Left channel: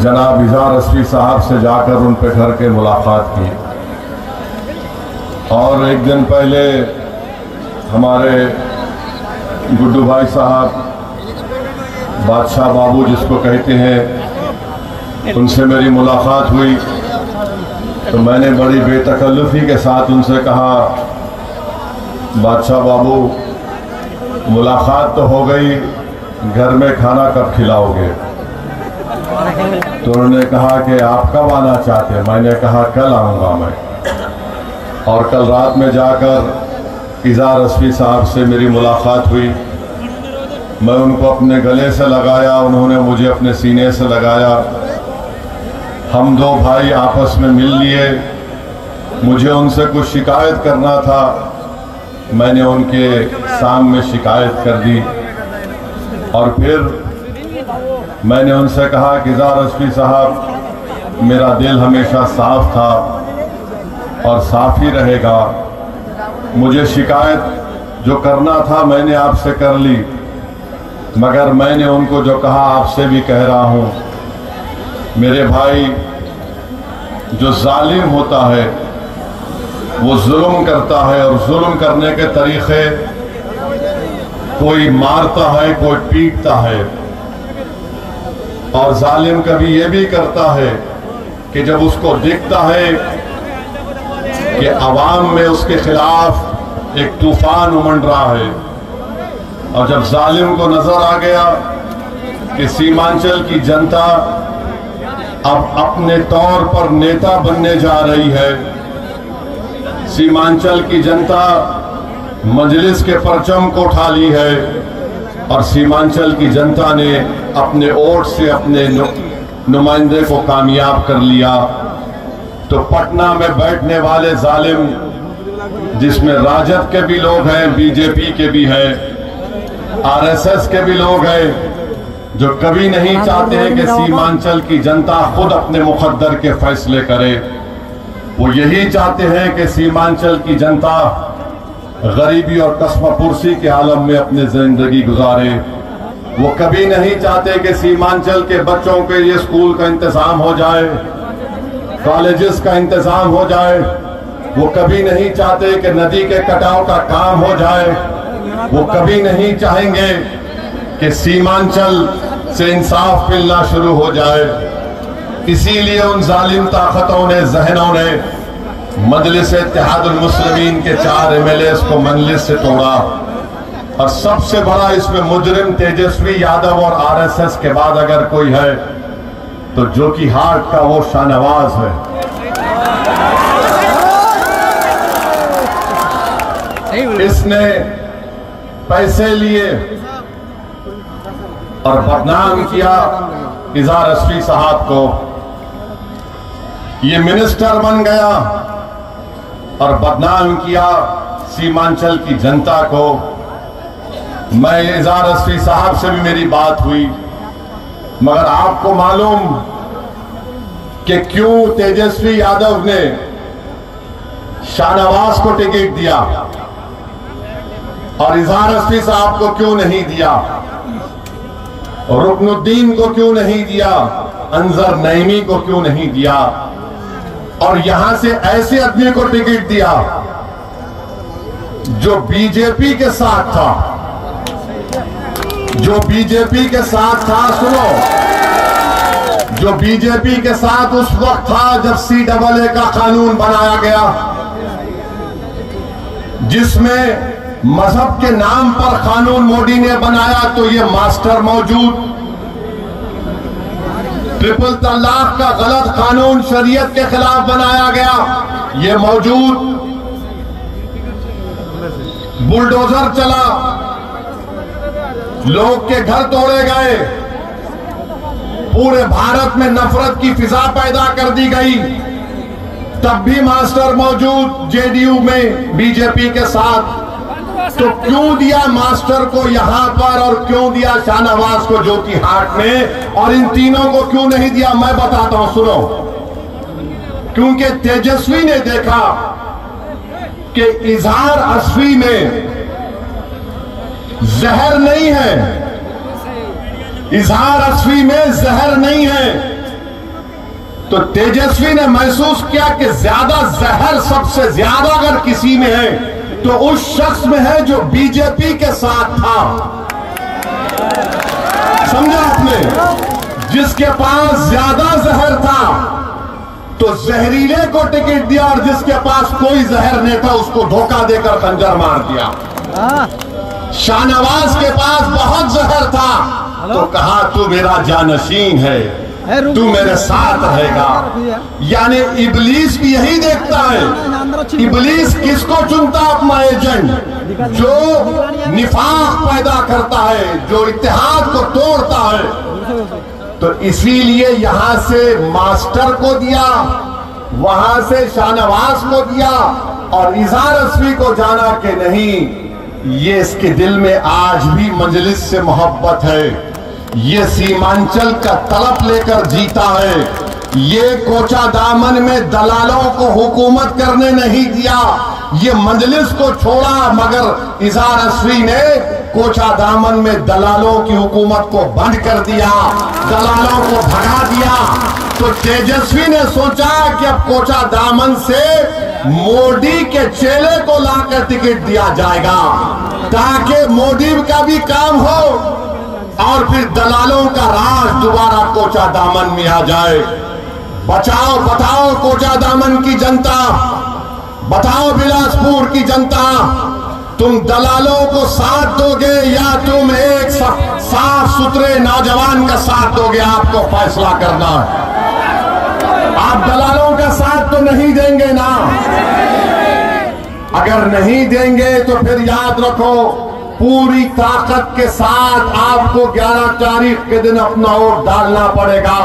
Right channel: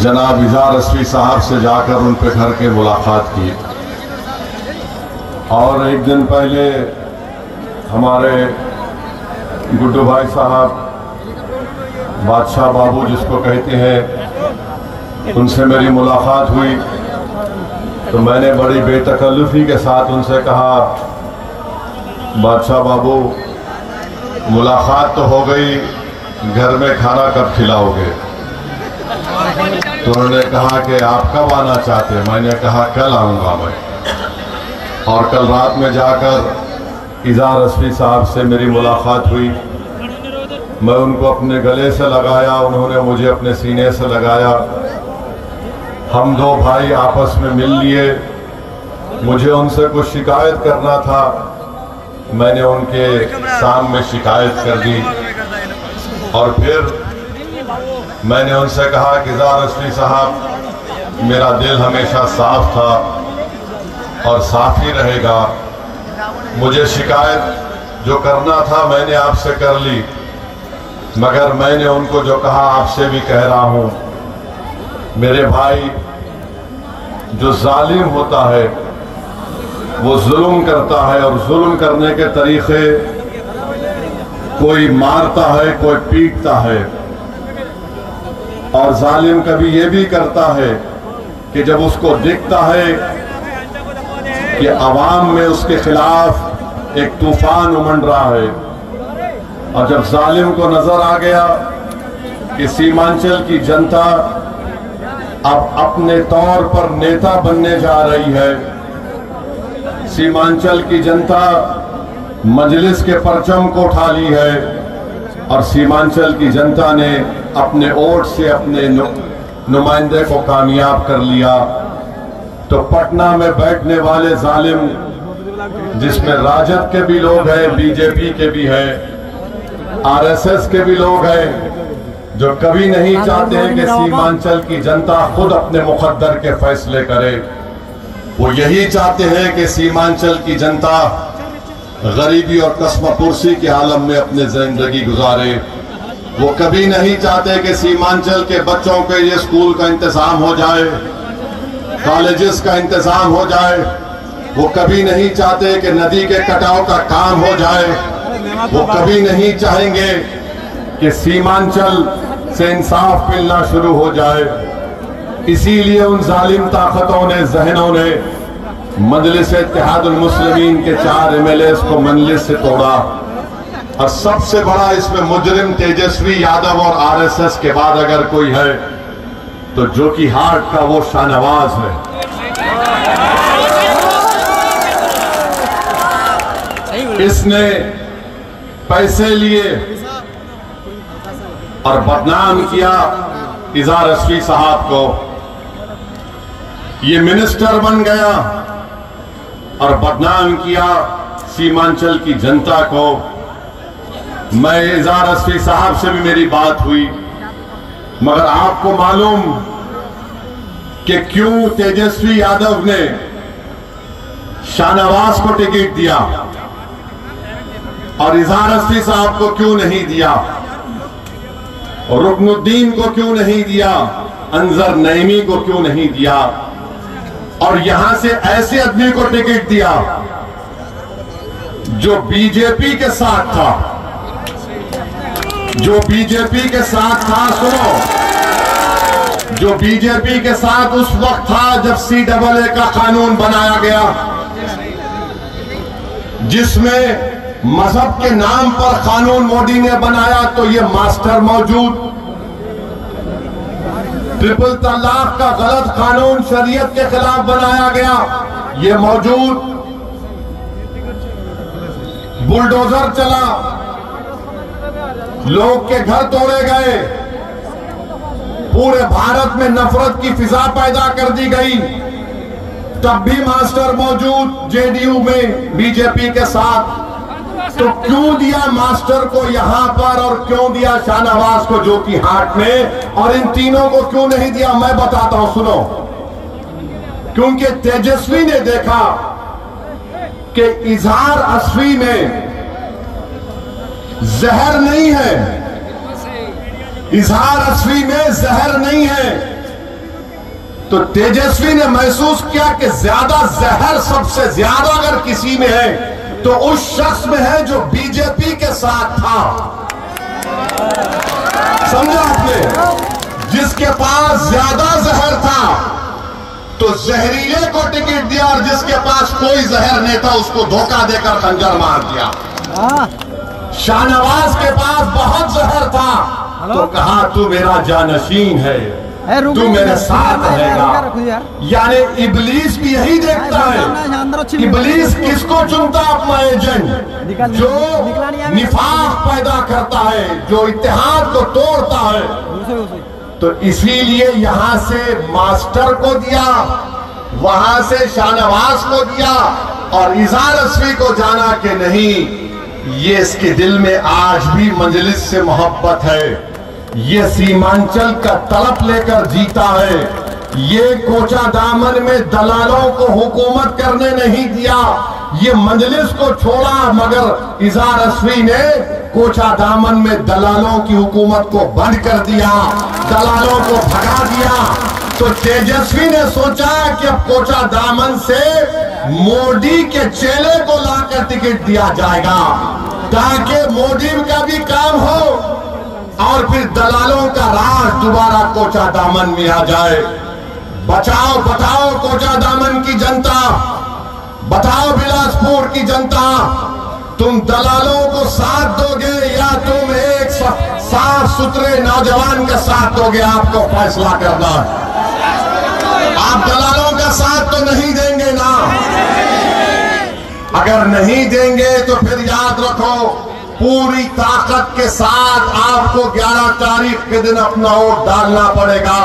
जनाब इज़ार अस्वी साहब से जाकर उन पे घर के मुलाकात की और एक दिन पहले हमारे गुड्डू भाई साहब बादशाह बाबू जिसको कहते हैं उनसे मेरी मुलाकात हुई तो मैंने बड़ी बेतकल्लुफ़ी के साथ उनसे कहा बादशाह बाबू मुलाकात तो हो गई, घर में खाना कब खिलाओगे? तो उन्होंने कहा कि आप कब आना चाहते हैं? मैंने कहा कल आऊँगा मैं। और कल रात में जाकर इज़ार अस्वी साहब से मेरी मुलाकात हुई। मैं उनको अपने गले से लगाया, उन्होंने मुझे अपने सीने से लगाया। हम दो भाई आपस में मिल लिए। मुझे उनसे कुछ शिकायत करना था, मैंने उनके सामने शिकायत कर दी और फिर मैंने उनसे कहा कि इज़ार अस्वी साहब, मेरा दिल हमेशा साफ था और साफ ही रहेगा। मुझे शिकायत जो करना था मैंने आपसे कर ली, मगर मैंने उनको जो कहा आपसे भी कह रहा हूं, मेरे भाई, जो जालिम होता है वो जुल्म करता है और जुल्म करने के तरीके कोई मारता है, कोई पीटता है। और जालिम कभी ये भी करता है कि जब उसको दिखता है कि अवाम में उसके खिलाफ एक तूफान उमड़ रहा है और जब जालिम को नजर आ गया कि सीमांचल की जनता अब अपने तौर पर नेता बनने जा रही है, सीमांचल की जनता मजलिस के परचम को उठा ली है और सीमांचल की जनता ने अपने वोट से अपने नुमाइंदे को कामयाब कर लिया, तो पटना में बैठने वाले जालिम, जिसमें राजद के भी लोग हैं, बीजेपी के भी हैं, आरएसएस के भी लोग हैं, जो कभी नहीं चाहते हैं कि सीमांचल की जनता खुद अपने मुकद्दर के फैसले करे। वो यही चाहते हैं कि सीमांचल की जनता गरीबी और कस्मपुरसी के आलम में अपनी जिंदगी गुजारे। वो कभी नहीं चाहते कि सीमांचल के बच्चों के लिए स्कूल का इंतजाम हो जाए, कॉलेजेस का इंतजाम हो जाए। वो कभी नहीं चाहते कि नदी के कटाव का काम हो जाए। वो कभी नहीं चाहेंगे कि सीमांचल से इंसाफ मिलना शुरू हो जाए। इसीलिए उन जालिम ताकतों ने, जहनों ने मजलिस इत्तेहादुल मुस्लिमीन के 4 एमएलए को मजलिस से तोड़ा। और सबसे बड़ा इसमें मुजरिम तेजस्वी यादव और आरएसएस के बाद अगर कोई है तो जो कि हार्ट का वो शाहनवाज है। इसने पैसे लिए और बदनाम किया इज़ार अस्वी साहब को। ये मिनिस्टर बन गया और बदनाम किया सीमांचल की जनता को। मैं इज़ार अस्वी साहब से भी मेरी बात हुई, मगर आपको मालूम कि क्यों तेजस्वी यादव ने शाहनवाज को टिकट दिया और इज़ार अस्वी साहब को क्यों नहीं दिया, रुकनुद्दीन को क्यों नहीं दिया, अंजर नईमी को क्यों नहीं दिया, और यहां से ऐसे आदमी को टिकट दिया जो बीजेपी के साथ था, जो बीजेपी के साथ था। सुनो, जो बीजेपी के साथ उस वक्त था जब CAA का कानून बनाया गया, जिसमें मजहब के नाम पर कानून मोदी ने बनाया, तो ये मास्टर मौजूद। ट्रिपल तलाक का गलत कानून शरीयत के खिलाफ बनाया गया, ये मौजूद। बुलडोजर चला, लोग के घर तोड़े गए, पूरे भारत में नफरत की फिजा पैदा कर दी गई, तब भी मास्टर मौजूद जेडीयू में बीजेपी के साथ। तो क्यों दिया मास्टर को यहां पर और क्यों दिया शाहनवाज को जो कि हाट में, और इन तीनों को क्यों नहीं दिया? मैं बताता हूं, सुनो। क्योंकि तेजस्वी ने देखा कि इज़ार अस्वी में जहर नहीं है, इजहार असवी में जहर नहीं है। तो तेजस्वी ने महसूस किया कि ज्यादा जहर सबसे ज्यादा अगर किसी में है तो उस शख्स में है जो बीजेपी के साथ था। समझा आपने? जिसके पास ज्यादा जहर था तो जहरीले को टिकट दिया, और जिसके पास कोई जहर नहीं था उसको धोखा देकर खंजर मार दिया। शाहनवाज के पास बहुत जहर था तो कहा तू मेरा जानशीन है, तू मेरे साथ रहेगा। यानी इबलीस भी यही देखता है। इबलीस किसको चुनता है? अपना एजेंट, जो निफाक पैदा करता है, जो इत्तेहाद को तोड़ता है। तो इसीलिए यहां से मास्टर को दिया, वहां से शाहनवाज को दिया, और इजहार असवी को जाना कि नहीं, ये इसके दिल में आज भी मजलिस से मोहब्बत है। ये सीमांचल का तलब लेकर जीता है। ये कोचा दामन में दलालों को हुकूमत करने नहीं दिया, ये मजलिस को छोड़ा, मगर इजहार असवी ने कोचा दामन में दलालों की हुकूमत को बंद कर दिया, दलालों को भगा दिया। तो तेजस्वी ने सोचा कि अब कोचा दामन से मोदी के चेले को लाकर टिकट दिया जाएगा ताकि मोदी का भी काम हो और फिर दलालों का राज दोबारा कोचा दामन में आ जाए। बचाओ बताओ कोचा दामन की जनता, बताओ बिलासपुर की जनता, तुम दलालों को साथ दोगे या तुम एक साफ सुथरे नौजवान का साथ दोगे? आपको फैसला करना। आप दलालों का साथ तो नहीं देंगे ना? अगर नहीं देंगे तो फिर याद रखो, पूरी ताकत के साथ आपको 11 तारीख के दिन अपना वोट डालना पड़ेगा।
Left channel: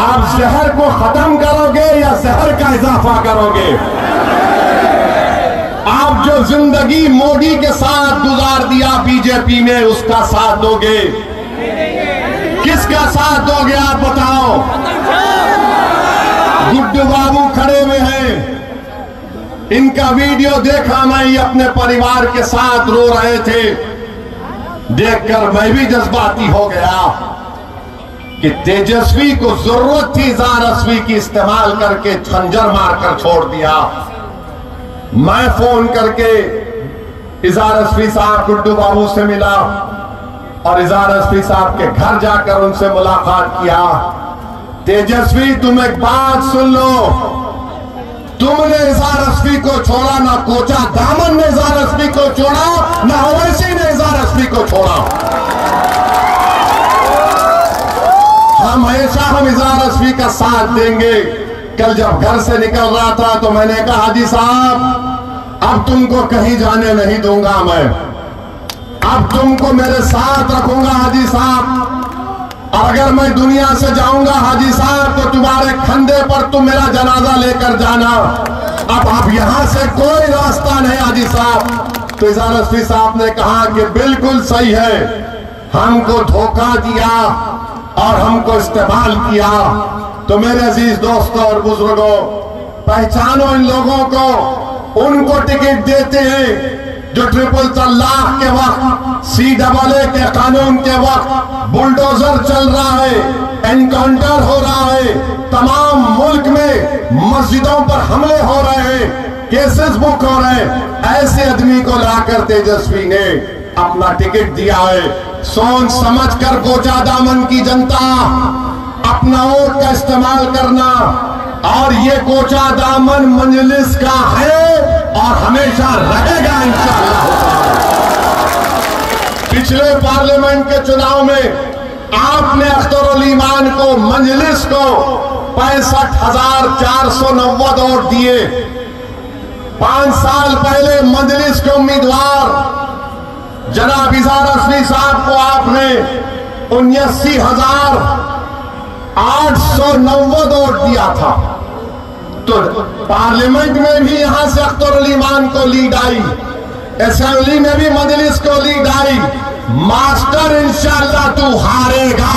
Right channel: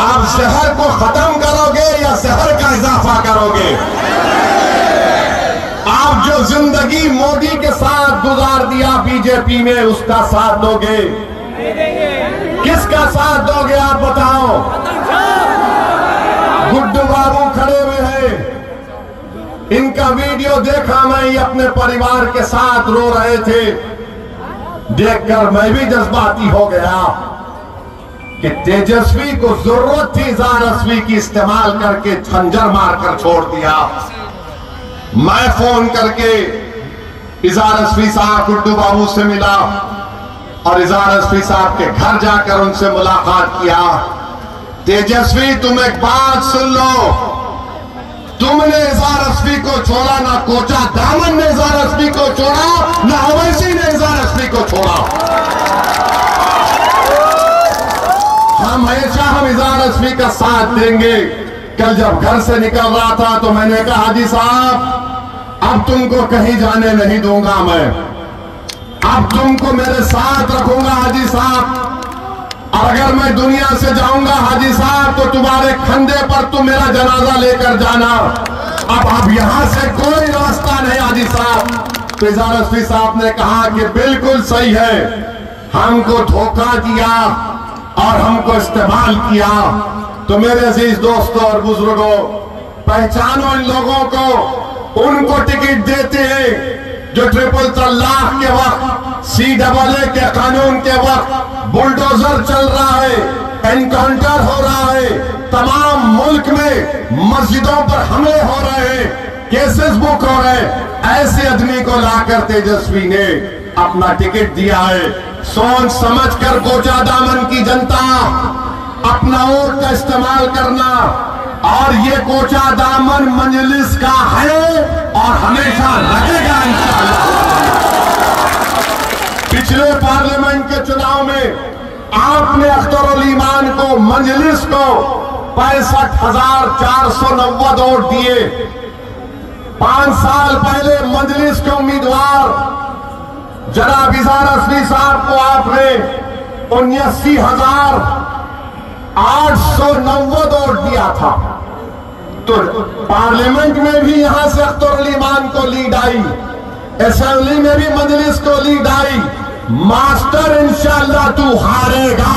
आप जहर को खत्म करोगे या जहर का इजाफा करोगे? आप जो जिंदगी मोदी के साथ गुजार दिया बीजेपी में, उसका साथ दोगे? किसका साथ दोगे आप बताओ? गुड्डू बाबू खड़े हुए हैं, इनका वीडियो देखा मैं, ये अपने परिवार के साथ रो रहे थे। देखकर मैं भी जज्बाती हो गया कि तेजस्वी को जरूरत थी इजहार असवी की इस्तेमाल करके खंजर मारकर छोड़ दिया। मैं फोन करके इजहार असवी साहब गुड्डू बाबू से मिला और इजहार असवी साहब के घर जाकर उनसे मुलाकात किया। तेजस्वी तुम एक बात सुन लो, तुमने इजहार असवी को छोड़ा, ना कोचा दामन ने इजहार असवी को छोड़ा, ना ओवैसी ने इजहार असवी को छोड़ा। हम इजहार असवी का साथ देंगे। कल जब घर से निकल रहा था तो मैंने कहा हाजी साहब अब तुमको कहीं जाने नहीं दूंगा मैं, अब तुमको मेरे साथ रखूंगा हाजी साहब। अगर मैं दुनिया से जाऊंगा हाजी साहब तो तुम्हारे कंधे पर तुम मेरा जनाजा लेकर जाना। अब यहां से कोई रास्ता नहीं हाजी साहब। तो इजहार असवी साहब ने कहा कि बिल्कुल सही है, हमको धोखा दिया और हमको इस्तेमाल किया। तो मेरे अजीज दोस्तों और बुजुर्गों, पहचानो इन लोगों को, उनको टिकट देते हैं जो ट्रिपल तलाक के वक्त, CAA के कानून के वक्त बुलडोजर चल रहा है, एनकाउंटर हो रहा है, तमाम मुल्क में मस्जिदों पर हमले हो रहे हैं, केसेस बुक हो रहे हैं। ऐसे आदमी को लाकर तेजस्वी ने अपना टिकट दिया है। सोच समझ कर कोचा दामन की जनता अपना वोट का इस्तेमाल करना, और ये कोचा दामन मजलिस का है और हमेशा रहेगा इंशाअल्लाह। पिछले पार्लियामेंट के चुनाव में आपने अख्तर उल ईमान को, मजलिस को 65,490 वोट दिए। 5 साल पहले मजलिस के उम्मीदवार जनाब इजहार असवी साहब को आपने 79,890 वोट दिया था। तो पार्लियामेंट में भी यहां से अख्तर उल ईमान को लीड आई, असेंबली में भी मजलिस को लीड आई। मास्टर इंशाअल्लाह तू हारेगा।